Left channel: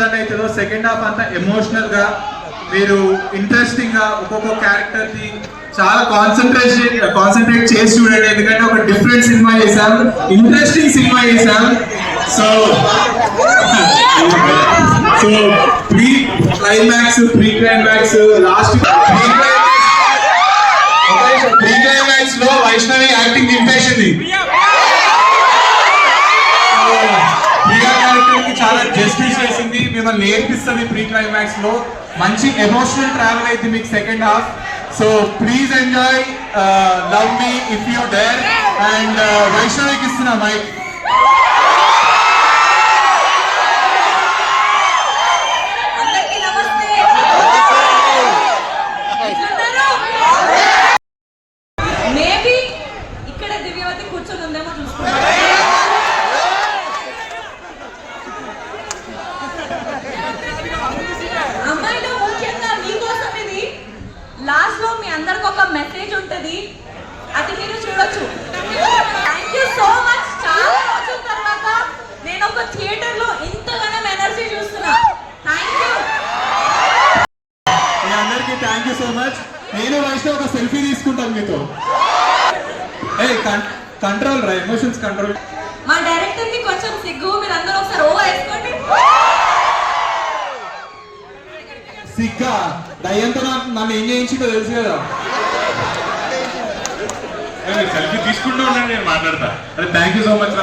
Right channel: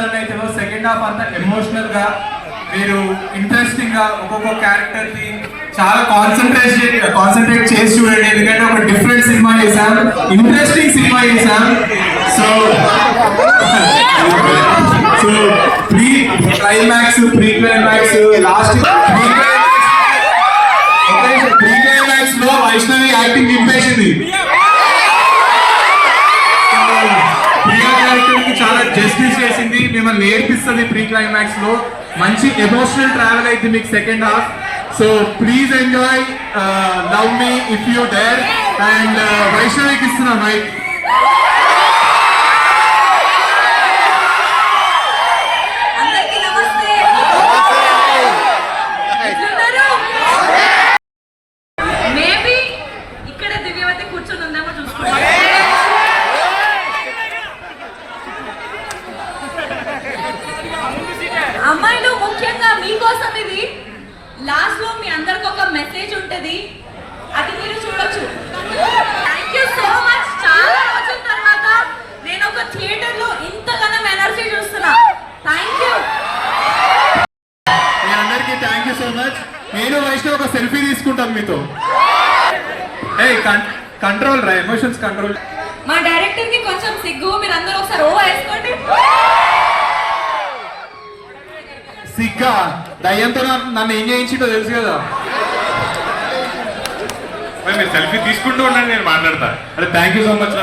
Run అవుతుందో second half అంతా emotional గా మీరు ఇంట్రెస్టింగ్ గా ఒక్కొక్క క్యారెక్టర్ కి చాలా కాన్సన్ట్రేట్ చేసి చూడండి. ఎందుకంటే ఒక డిఫరెంట్ సినిమా చేశాం, ఇంట్రెస్టింగ్ సినిమా చేశాం. So pre climax last pre climax లో వైష్ణవి యాక్టింగ్ నింపేసింది. చాలా జస్టిస్ చేసింది, మిమ్మల్ని నేర్పిస్తుంది. ప్రీ క్లైమాక్స్ లో మంచి ఎమోషనల్ ట్రావెల్ అయితే మీకు second half. So please enjoy, love me if you there. And వైష్ణవికి ఇస్తున్నా మైక్. అమ్మాయిలు ముఖ్యంగా మీకోసం ఇది లాస్ట్ లో మీ అందరికి ఒక మెసేజ్ ఉంటది, అది మీరు చూడొచ్చు. Thank you so much. చాలా రోజుల తర్వాత నేను ఒక థియేటర్ లో ఇంతగానం ఎనర్జీ చూస్తున్నా. థ్యాంక్ యూ మీ అందరికీ. Thank you so much. నేను వైష్ణవ్ ఒక సెల్ఫీ తీసుకుంటాం మీతో. కంట్రోల్ రా, ఎమోషన్స్ కంట్రోల్. మా డైరెక్టర్ కి కొంచెం సిగ్గు, మీరు అందరూ ఒకసారి ఓవర్ వేసుకోండి. సిగ్గా దయ్యంతో నన్ను ఏం చేయించిందో తెలుసు కదా. సెల్ఫీ తీసుకుంటూ ఉన్నాను, నేను మాట్లాడతా. Thank you so much.